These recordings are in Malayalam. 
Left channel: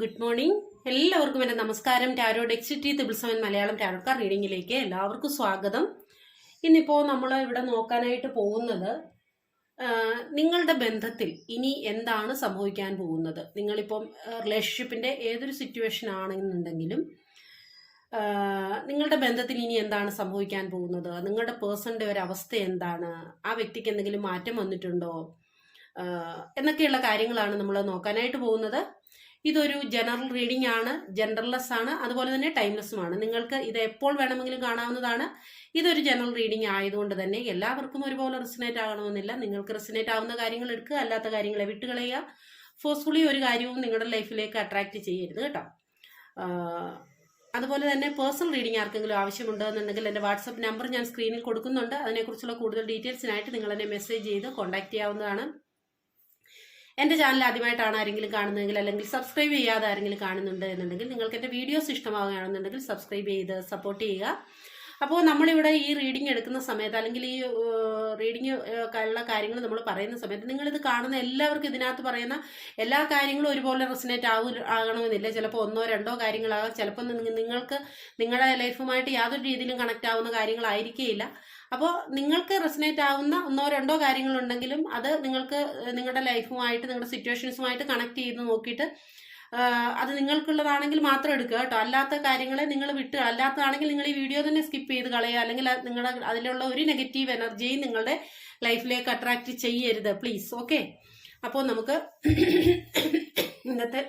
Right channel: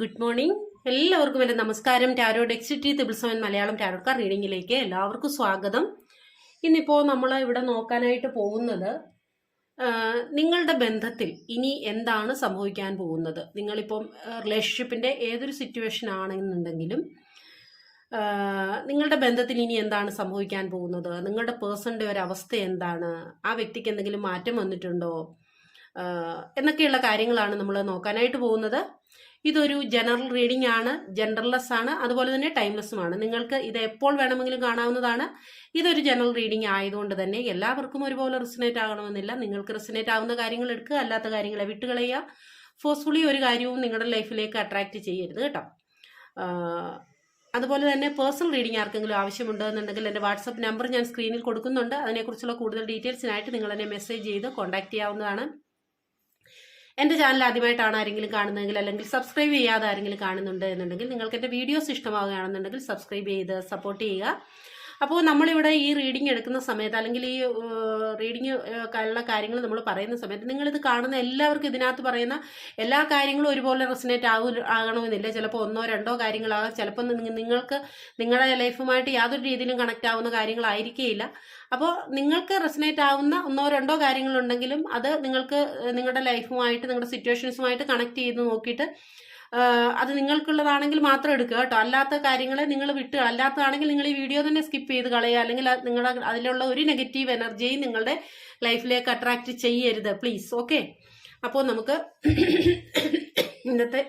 ഗുഡ് മോർണിംഗ് എല്ലാവർക്കും എന്റെ നമസ്കാരം. ടാരോ ഡെക്സിറ്റി തിബിൾസവൻ മലയാളം ടാരോ കാർ റീഡിങ്ങിലേക്ക് എല്ലാവർക്കും സ്വാഗതം. ഇന്നിപ്പോൾ നമ്മൾ ഇവിടെ നോക്കാനായിട്ട് പോകുന്നത് നിങ്ങളുടെ ബന്ധത്തിൽ ഇനി എന്താണ് സംഭവിക്കാൻ പോകുന്നത്? നിങ്ങളിപ്പം റിലേഷൻഷിപ്പിന്റെ ഏതൊരു സിറ്റുവേഷൻ ആണെന്നുണ്ടെങ്കിലും നിങ്ങളുടെ ബന്ധത്തിൽ ഇനി എന്താണ് സംഭവിക്കാൻ പോകുന്നത്? നിങ്ങളുടെ പേഴ്സണിന്റെ ഒരു അവസ്ഥ എന്താണ്? ആ വ്യക്തിക്ക് എന്തെങ്കിലും മാറ്റം വന്നിട്ടുണ്ടോ? എന്നൊക്കെയുള്ള കാര്യങ്ങളാണ് നമ്മൾ നോക്കാനായിട്ട് പോകുന്നത്. ഇതൊരു ജനറൽ റീഡിംഗ് ആണ് ജനറൽലെസ് ആണ് അതുപോലെ തന്നെ ടൈംലെസ്സുമാണ് നിങ്ങൾക്ക് ഇത് എപ്പോൾ വേണമെങ്കിലും കാണാവുന്നതാണ്. ഇതൊരു ജനറൽ റീഡിംഗ് ആയതുകൊണ്ട് തന്നെ എല്ലാവർക്കും ഒരുപോലെ റിസനേറ്റ് ആകണമെന്നില്ല. നിങ്ങൾക്ക് റിസനേറ്റ് ആവുന്ന കാര്യങ്ങൾ എടുക്കുക അല്ലാത്ത കാര്യങ്ങളെ വിട്ടുകളയുക. ഫോഴ്സ്ഫുള്ളി ഒരു കാര്യവും നിങ്ങളുടെ ലൈഫിലേക്ക് അട്രാക്റ്റ് ചെയ്യരുത് കേട്ടോ. അതുപോലെ തന്നെ പേഴ്സണൽ റീഡിംഗ് ആർക്കെങ്കിലും ആവശ്യമുണ്ടോ എന്നുണ്ടെങ്കിൽ എന്റെ വാട്സപ്പ് നമ്പർ ഞാൻ സ്ക്രീനിൽ കൊടുക്കുന്നുണ്ട്. അതിനെക്കുറിച്ചുള്ള കൂടുതൽ ഡീറ്റെയിൽസിനായിട്ട് നിങ്ങൾ എന്നെ മെസ്സേജ് ചെയ്ത് കോൺടാക്ട് ചെയ്യാവുന്നതാണ്. എന്റെ ചാനൽ ആദ്യമായിട്ടാണ് ആരെങ്കിലും കാണുന്നതെങ്കിൽ അല്ലെങ്കിൽ സബ്സ്ക്രൈബ് ചെയ്യാതെ ആരെങ്കിലും കാണുന്നുണ്ട് എന്നുണ്ടെങ്കിൽ നിങ്ങൾക്ക് എന്റെ വീഡിയോസ് ഇഷ്ടമാവുകയാണെന്നുണ്ടെങ്കിൽ സബ്സ്ക്രൈബ് ചെയ്ത് സപ്പോർട്ട് ചെയ്യുക. അപ്പോൾ നമ്മളിവിടെ ഈ റീഡിംഗ് എടുക്കുന്ന സമയത്ത് അല്ലെങ്കിൽ ഈ റീഡിംഗ് ഉള്ള കാര്യങ്ങൾ നമ്മൾ പറയുന്ന സമയത്ത് നിങ്ങളിത് കാണുന്ന എല്ലാവർക്കും ഇതിനകത്ത് പറയുന്ന എല്ലാ കാര്യങ്ങളും ഒരുപോലെ റെസിനേറ്റ് ആകു ആകണമെന്നില്ല. ചിലപ്പോൾ ഒന്നോ രണ്ടോ കാര്യങ്ങളാകാം. ചിലപ്പോൾ നിങ്ങ- നിങ്ങൾക്ക് നിങ്ങളുടെ ലൈഫുമായിട്ട് യാതൊരു രീതിയിലും കണക്റ്റ് ആവുന്ന കാര്യങ്ങളായിരിക്കുകയില്ല അപ്പോൾ നിങ്ങൾക്ക് റെസിനേറ്റ് ആവുന്ന ഒന്നോ രണ്ടോ കാര്യങ്ങളുണ്ടെങ്കിലും അത് നിങ്ങൾക്ക് നിങ്ങളുടെ ലൈഫുമായിട്ട് നിങ്ങളുടെ സിറ്റുവേഷൻസുമായിട്ട് കണക്ട് ചെയ്ത് നോക്കിയിട്ട് അത് നിങ്ങൾക്കുള്ളതാണെങ്കിൽ മാത്രം എടുക്കുക കേട്ടോ. അല്ലാത്ത കാര്യങ്ങൾ നിങ്ങൾ വിട്ടുക അല്ലാത്തതാണെങ്കിൽ നിങ്ങൾ ഈ വീഡിയോ തന്നെ സ്കിപ്പ് ചെയ്ത് കളയുക. അല്ലെങ്കിൽ നിങ്ങൾ അതിലുള്ള ഒരു നെഗറ്റീവ് എനർജിയും നിങ്ങളുടെ ലൈഫിലേക്ക് അട്രാക്റ്റ് ചെയ്യരുത്. പ്ലീസ് ഓക്കെ അപ്പോൾ നമുക്ക് ഇന്നത്തെ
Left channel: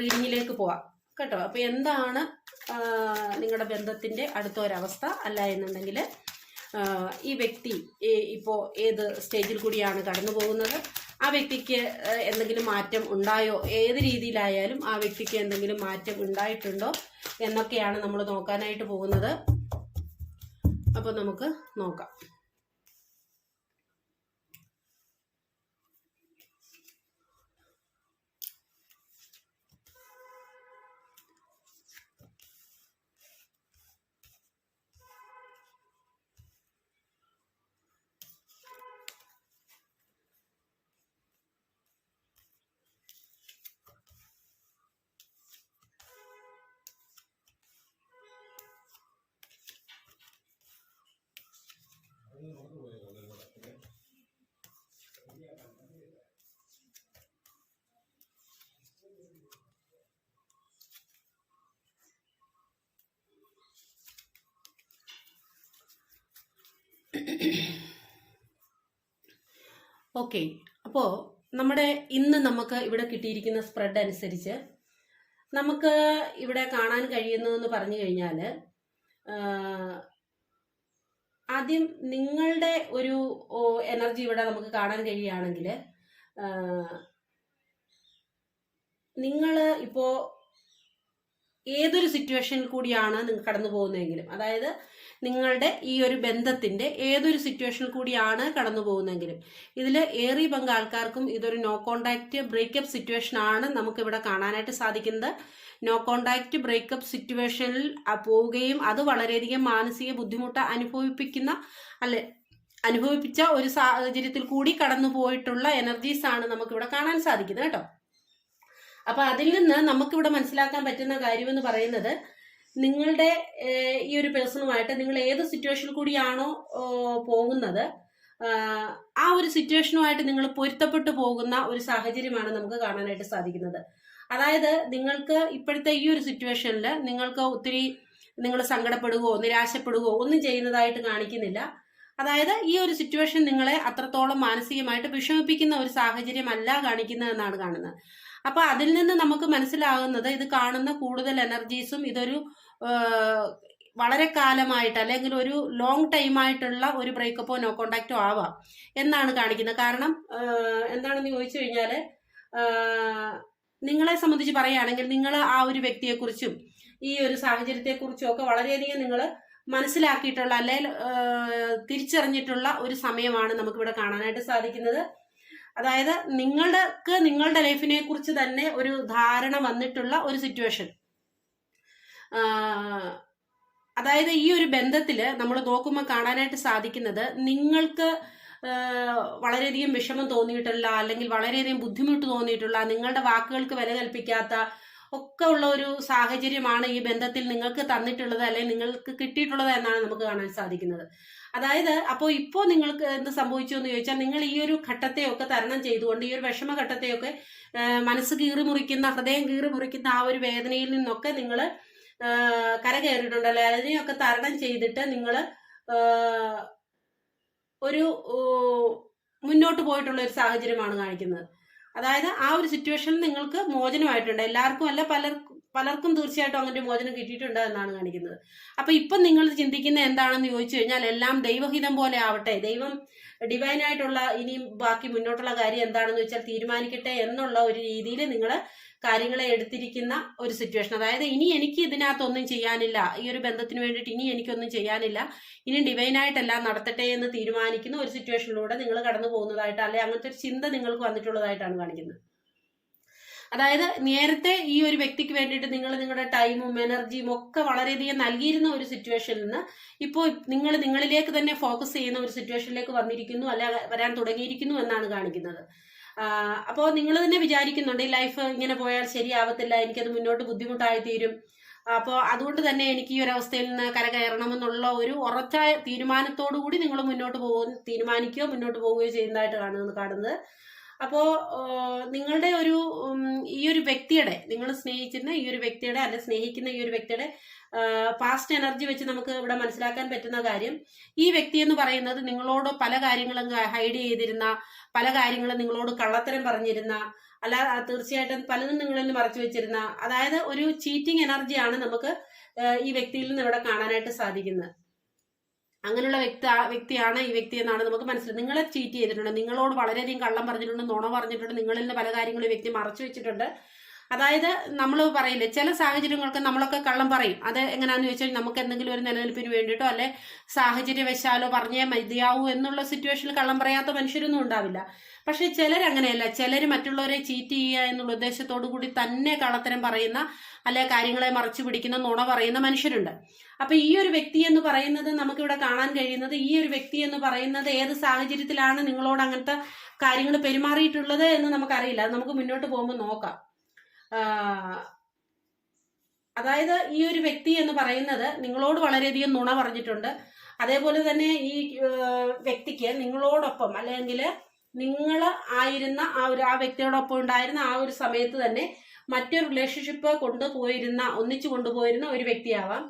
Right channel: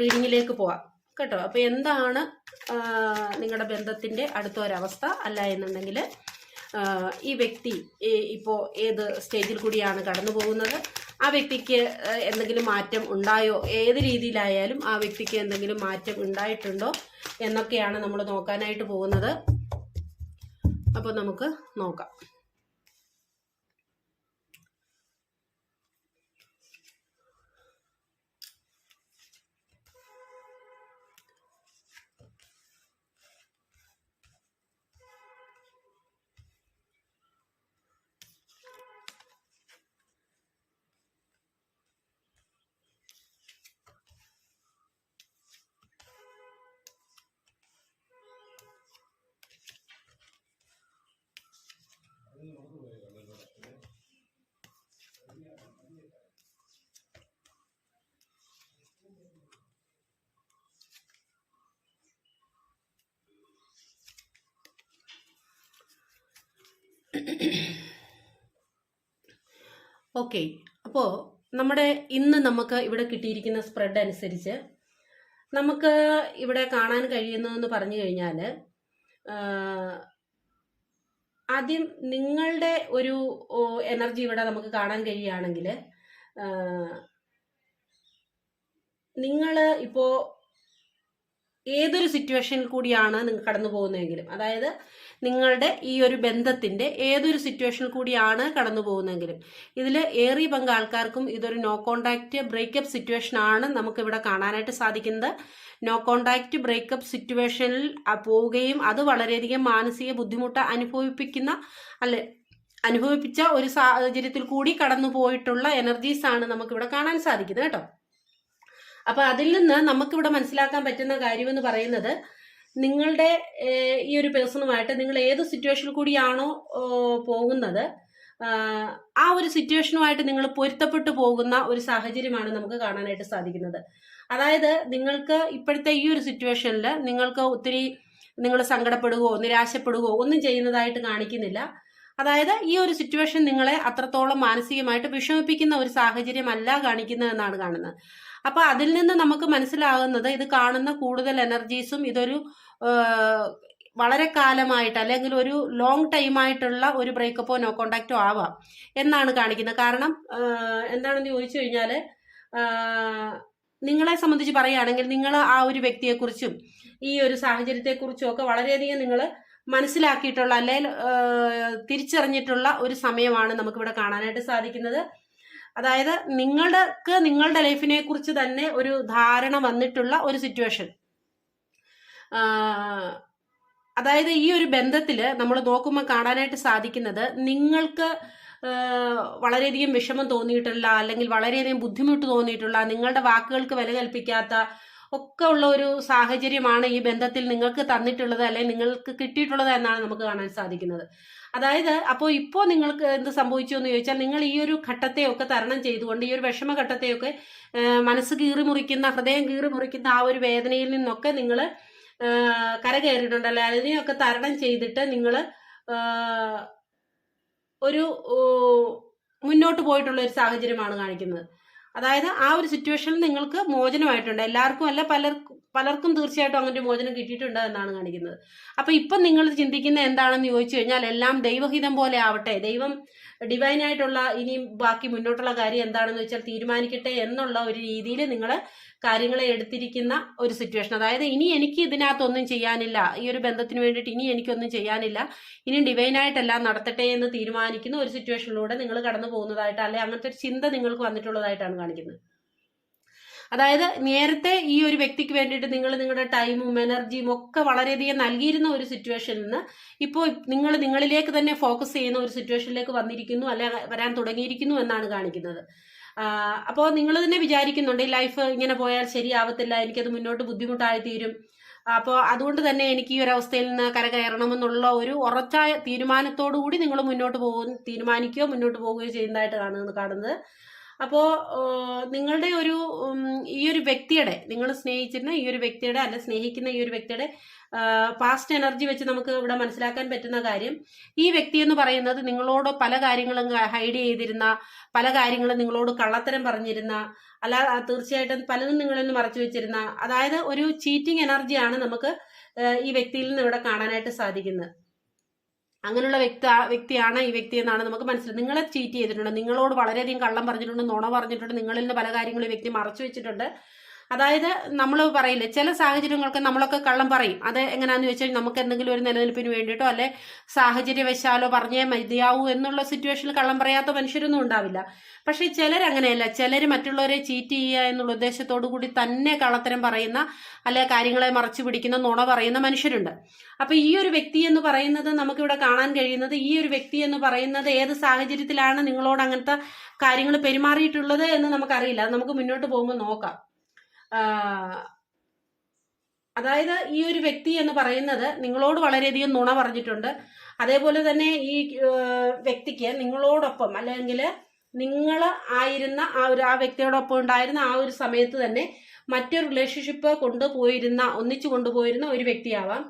റീഡിങ്ങിലേക്ക് പോവാം. കേട്ടോ. അപ്പോൾ എന്താണ് നിങ്ങളുടെ ബന്ധത്തിന്റെ അടുത്ത ഒരവസ്ഥ അല്ല എന്നുണ്ടെങ്കിൽ ഈ വ്യക്തി ഇപ്പോൾ ഏത് സ്റ്റേജിൽ കൂടിയാണ് കടന്നു പോകുന്നത്? ആ വ്യക്തിക്ക് എന്തെങ്കിലും മാറ്റം ഉണ്ടായോ? ഏത് രീതിയിലായാലും ആ വ്യക്തിക്ക് എന്തെങ്കിലും മാറ്റം ഉണ്ടായിട്ടുണ്ടോ? എന്നൊക്കെയാണ് നമ്മൾ നോക്കാനായിട്ട് പോകുന്നത്. അപ്പോൾ നമുക്ക് നോക്കാം. ഓക്കെ അപ്പോൾ നമ്മുടെ ഇന്ന് നമുക്ക് ഇവിടെ കിട്ടിയിരിക്കുന്ന സ്പ്രെഡ് അനുസരിച്ച് നമുക്ക് ഇവിടെ കാണാൻ കഴിയുന്നതെന്ന് പറഞ്ഞു കഴിഞ്ഞാൽ ആദ്യം നിങ്ങളുടെ ഒരു എനർജി ഇവിടെ നമുക്ക് കാണാൻ കഴിയുകയാണെങ്കിൽ നിങ്ങൾ ഇപ്പോൾ ഏതൊരു സിറ്റുവേഷനിൽ കൂടിയാണ് നിങ്ങൾ കടന്നു പോകുന്നതെങ്കിലും അതായത് നിങ്ങളുടെ ഈ ഒരു ബന്ധത്തിന്റെ ഏതൊരു സിറ്റുവേഷനിൽ കൂടിയാണ് കടന്നു പോകുന്നതെങ്കിലും. ഇതിൽ ഏറെ പങ്ക് ആൾക്കാർക്കും ഇതൊരു നോ കോണ്ടാക്ട് ബ്രേക്കപ്പ് സിറ്റുവേഷൻ ആണ് നമുക്ക് ഇവിടെ കാണാനായിട്ട് സാധിക്കുന്നത്. നോ കോണ്ടാക്ട് ബ്രേക്കപ്പ് സിറ്റുവേഷനിൽ പോവുകയും അത് വളരെയധികം മാനസിക ബുദ്ധിമുട്ട് അനുഭവിപ്പിക്കുന്ന അല്ലെ അനുഭവിപ്പിച്ച ഒരു സാഹചര്യത്തിൽ കൂടി കടന്നു പോയിട്ടുള്ള എനർജീസ് ആണ് നമുക്കിവിടെ കാണാൻ സാധിക്കുന്നത് കേട്ടോ. അപ്പൊ അതിൽ നിന്ന് നമുക്കിവിടെ മനസ്സിലാക്കാൻ പറ്റുന്ന കാര്യം എന്ന് പറയുന്നത് നിങ്ങളുടെ ഈ ഒരു പേഴ്സണുമായിട്ട് നിങ്ങൾ ഏത് സിറ്റുവേഷനിൽ കൂടിയാണോ പോകുന്നത് ആ ഒരു സിറ്റുവേഷനുമായിട്ട് നിങ്ങൾ പൊരുത്തപ്പെട്ടു പോകുന്ന ഒരു സാഹചര്യമാണ് നമുക്ക് കാണാനായിട്ട് സാധിക്കുന്നത്. അതായത് നിങ്ങൾക്ക് ഇപ്പോഴത്തെ ഈ ഒരു സിറ്റുവേഷനിൽ നിങ്ങൾക്ക് ഒത്തിരി നിങ്ങൾ സങ്കടപ്പെടുകയോ നിരാശപ്പെടുകയോ ഒന്നും ചെയ്യുന്നതായിട്ട് കാണിക്കുന്നില്ല. അതായത് ഈ ഒരു സിറ്റുവേഷൻ നിങ്ങളെ അത്രത്തോളം മാനസികമായിട്ട് വിഷമിപ്പിക്കുന്ന ഒരു സാഹചര്യമല്ല കാണിക്കുന്നതെന്നാണ് കാണുന്നത്. അപ്പൊ അതിൽ നിന്ന് നമുക്ക് മനസ്സിലാകുന്നത് ഇത് കാണുന്ന കൂടുതൽ എനർജീസും ഇതൊരു വളരെ കാലമായിട്ട് അല്ലെങ്കിൽ ഒരു ലോങ് ടൈമായിട്ടുള്ള ഒരു ബ്രേക്കപ്പോ നോ കോണ്ടാക്റ്റോ ആവാം എന്നാണ് കാണിക്കുന്നത്. കാരണം എന്താണെന്ന് ചോദിച്ചു കഴിഞ്ഞാൽ നിങ്ങളെ സംബന്ധിച്ച് പറയുകയാണെങ്കിൽ നിങ്ങൾ ആ ഒരു വ്യക്തിയെക്കുറിച്ചും ഈ ഒരു സാഹചര്യത്തെക്കുറിച്ചും ഒക്കെ വളരെയധികം നിങ്ങൾ മനസ്സിലാക്കിയിട്ടുള്ള അല്ലെങ്കിൽ തിരിച്ചറിഞ്ഞിട്ടുള്ള ഒരു സമയമാണ് നമുക്കിവിടെ കാണാനായിട്ട് സാധിക്കുന്നത്. അതായത് നിങ്ങൾക്ക് നിങ്ങളുടെ ലൈഫിനെ കുറിച്ച് തന്നെ ഒരു ധാരണ വന്നിട്ടുള്ള ഒരു സിറ്റുവേഷൻ അതായത് ഈ ഒരു ബന്ധത്തിൽ നമ്മൾ നോക്കുമ്പോൾ കാണാനായിട്ട് സാധിക്കുന്നത് നിങ്ങൾക്ക് വളരെയധികം വിഷമം തോന്നിയിട്ടുള്ള അല്ലെങ്കിൽ വളരെയധികം ബുദ്ധിമുട്ട് തോന്നിയിട്ടുള്ള നിങ്ങളുടെ വാക്കുകൾക്ക് വില കൽപ്പിക്കാത്ത ഒക്കെ ഉള്ള ഒരു സാഹചര്യമാണ് ഈ ബന്ധത്തിൽ നിങ്ങൾക്ക് തന്നിട്ടുള്ളത് അല്ലെങ്കിൽ നിങ്ങൾക്ക് കിട്ടിയിട്ടുള്ളത് എന്നാണ് നമുക്ക് കാണാൻ സാധിക്കുന്നത്. അതായത് അപ്പോൾ ഇപ്പോൾ നിങ്ങൾക്ക് എന്ത് സംഭവിച്ചു എന്ന് ചോദിച്ചാൽ നിങ്ങൾ ഈ ഒരു ഘട്ടത്തെയൊക്കെ തരണം ചെയ്തുകൊണ്ട് ഈ ഒരു വിഷമ ഘട്ടത്തെയൊക്കെ മനസ്സ് കീറി മുറിക്കുന്ന ഹൃദയം കീറി മുറിക്കുന്ന ആ ഒരു വേദനയിൽ നിന്നൊക്കെ നിങ്ങൾ കരകയറിയിട്ടുണ്ട് അല്ലെ അതിനെയൊക്കെ തരണം ചെയ്തിട്ട് നിങ്ങൾ ഒരു മുന്നോട്ട് പോയിട്ടുള്ള ഒരു സാഹചര്യമാണ് കാണിക്കുന്നത്. അതായത് ആ ഒരു സിറ്റുവേഷനിൽ നിങ്ങൾക്ക് മോചനമായിട്ടുണ്ട്. എല്ലാവർക്കും അല്ല പലർക്കും പലർക്കും തീർച്ചയായിട്ടും അങ്ങനെ മോചനം കിട്ടിയിട്ടുണ്ട് എന്നാണ് കാണിക്കുന്നത്. അപ്പൊ ഇപ്പം നിങ്ങൾ ചിന്തിക്കുന്ന എന്താണെന്ന് ചോദിച്ചു കഴിഞ്ഞാൽ എല്ലാം ദൈവഹിതം പോലെ ആവട്ടെ. ദൈവം ഡിവൈൻ ആയിട്ടുള്ള ഇനി ബാക്കി മുന്നോട്ടുള്ള കാര്യം എന്താണെന്ന് വെച്ചാൽ തീരുമാനിക്കട്ടെ എന്നുള്ള ഒരു രീതിയിൽ നിങ്ങൾ കാര്യങ്ങളെ എടുത്തിരിക്കുന്ന ഒരു സിറ്റുവേഷൻ അതായത് ഇനി എനിക്ക് ഇതിനകത്തൊന്നും ചെയ്യാനില്ല. ഈ ഒരു ബന്ധത്തിന് വേണ്ടിയിട്ട് ഇനി എനിക്കൊന്നും ചെയ്യാനില്ല. ഇനി ഡിവൈനായിട്ടെല്ലാം നടത്തട്ടെ എന്ന് തീരുമാനിക്കുന്ന ഒരു സിറ്റുവേഷനിലൂടെ നിങ്ങൾ കടന്നു പോകുന്നതായിട്ട് അല്ലെ അങ്ങനത്തെ ഒരു ചിന്ത നിങ്ങൾക്ക് വന്നിട്ടുള്ളതായിട്ടാണ് കാണിക്കുന്നത്. അതായത് നേരത്തെ ഈ ഒരു വ്യക്തിക്ക് വേണ്ടിയിട്ട് നിങ്ങൾ നിങ്ങളുടെ ടൈമും എനർജിയും ഒക്കെ വളരെയധികം നൽകിയിരുന്ന ഒരു സിറ്റുവേഷനിൽ നിന്ന് ഇപ്പോൾ നിങ്ങൾ നിങ്ങളിലേക്ക് തന്നെ ഫോക്കസ് ചെയ്യുന്ന ഒരു സിറ്റുവേഷനിലേക്ക് വന്നിരിക്കുന്നു അല്ലെ വരാൻ തുടങ്ങിയിരിക്കുന്നു എന്നാണ് കാണിക്കുന്നത്. അപ്പോൾ നിങ്ങൾ തന്നെ വിചാരിക്കുന്നുണ്ട് ഈ ലൈഫ് ഇങ്ങനെ പോയാൽ ശരിയാവത്തില്ല എനിക്കത് മുന്നോട്ട് ബുദ്ധിമുട്ടായി തീരും അപ്പോൾ അതുകൊണ്ട് തന്നെ എനിക്ക് ഈ ഒരു അവസ്ഥയിൽ നിന്ന് കരകയറണമെന്നുള്ള ഒരു ഉറച്ച തീരുമാനത്തോടു കൂടി നിങ്ങൾ മുന്നോട്ട് പോകും തീരുമാനിക്കുകയോ മുന്നോട്ട് പോവുകയോ ചെയ്യുന്നതായിട്ട് കാണുന്നത്. കാണുന്നത് അപ്പോൾ നിങ്ങളുടെ ഒരു ഈ ഒരു വ്യക്തിയുടെ നിങ്ങൾ സ്നേഹിച്ചിരുന്ന ഈ ഒരു വ്യക്തിയുടെ അല്ല സ്നേഹിക്കുന്ന ഈ ഒരു വ്യക്തിയുടെ പാസ്റ്റ് എനർജി വെച്ച് നമുക്ക് ഇവിടെ മനസ്സിലാക്കാൻ പറ്റുന്ന കാര്യം ഈ വ്യക്തി എന്ന് പറയുന്നത് നിങ്ങളോട് പല കാര്യങ്ങളും ഹൈഡ് ചെയ്തിരുന്ന പല കാര്യങ്ങളും നിങ്ങളോട് കള്ളത്തരം പറഞ്ഞിരുന്ന അല്ല തീർച്ചയായിട്ടും പലതും നിങ്ങളിൽ നിന്ന് മറച്ചു വെച്ചിരുന്ന അതായത് ഒരു ചീറ്റിംഗ് എനർജിയാണ് നമുക്ക് ഈ വ്യക്തിയിൽ നിന്ന് ഇവിടെ കാണാനായിട്ട് സാധിക്കുന്നത്. അങ്ങനെയുള്ള വ്യക്തി വ്യക്തിയാണ് ഈ വ്യക്തി എന്നാണ് നമുക്ക് മനസ്സിലായത് നിങ്ങളെ ചീറ്റ് ചെയ്തിട്ടുണ്ട് നിങ്ങളോട് വളരെയധികം കള്ളം പറഞ്ഞിട്ടുണ്ട് നുണ പറഞ്ഞിട്ടുണ്ട് നിങ്ങളിൽ നിന്ന് പല കാര്യങ്ങളും ഈ വ്യക്തി മറച്ചു വെച്ചിട്ടുണ്ട്. അതായത് നമ്മൾ പറയില്ലേ ചില സാഹചര്യങ്ങൾക്ക് നമ്മളൊക്കെ കള്ളം പറയും. അത് എങ്ങനെയാന്ന് വെച്ചാൽ നമുക്ക് എന്തെങ്കിലും ഒരു നിലനിൽപ്പിന് വേണ്ടിയിട്ടോ അല്ലെ സാഹചര്യവശാലോ പറഞ്ഞേ മതിയാവൂ എന്നുള്ള സിറ്റുവേഷനിൽ കള്ളം പറയാത്ത മനുഷ്യരൊന്നും ഉണ്ടാവില്ല. പക്ഷേ ചിലർ അങ്ങനെയല്ല ചിലർ മറ്റുള്ളവരെ ചീറ്റ് ചെയ്യുക എന്നുള്ള ഉദ്ദേശത്തോടു കൂടി തന്നെ കള്ളത്തരം പറയുന്ന അല്ലെ കാര്യങ്ങളെ മറച്ചു പിടിക്കുന്ന നുണ പറയുന്ന മനുഷ്യരുണ്ട്. അപ്പൊ ഈ ഒരു വ്യക്തി എന്ന് പറയുന്നത് നമുക്കിവിടെ കാണാൻ കഴിയുന്നത് ഈ ഒരു വ്യക്തി എന്ന് പറയുന്നത് ഏത് സാഹചര്യത്തിലാണ് നിങ്ങളോട് അങ്ങനത്തെ കാര്യങ്ങൾ പെരുമാറിയിട്ടുള്ളത് എന്ന് നമുക്കറിയില്ല. അത് നമുക്ക് മുന്നോട്ട് പോകുമ്പോൾ നോക്കാം. അതായത് ഈ ഒരു വ്യക്തി എന്ന് പറയുന്നത് നിങ്ങളോട് വളരെയധികം നുണ പറഞ്ഞിട്ടുണ്ട്. അതേപോലെ തന്നെ ഈ വ്യക്തിക്ക് നിങ്ങളോടൊപ്പം അല്ലെങ്കിൽ നിങ്ങൾ ആയിരുന്ന ആ ഒരു ആ വ്യക്തിയോടൊപ്പം ഉണ്ടായിരുന്ന ആ ഒരു സമയത്ത് തന്നെ മറ്റൊരു റിലേഷൻഷിപ്പ് കൊണ്ടുപോയിരുന്ന ഒന്നിച്ചു കൊണ്ടുപോയിരുന്ന ഒരു വ്യക്തിയാവാം.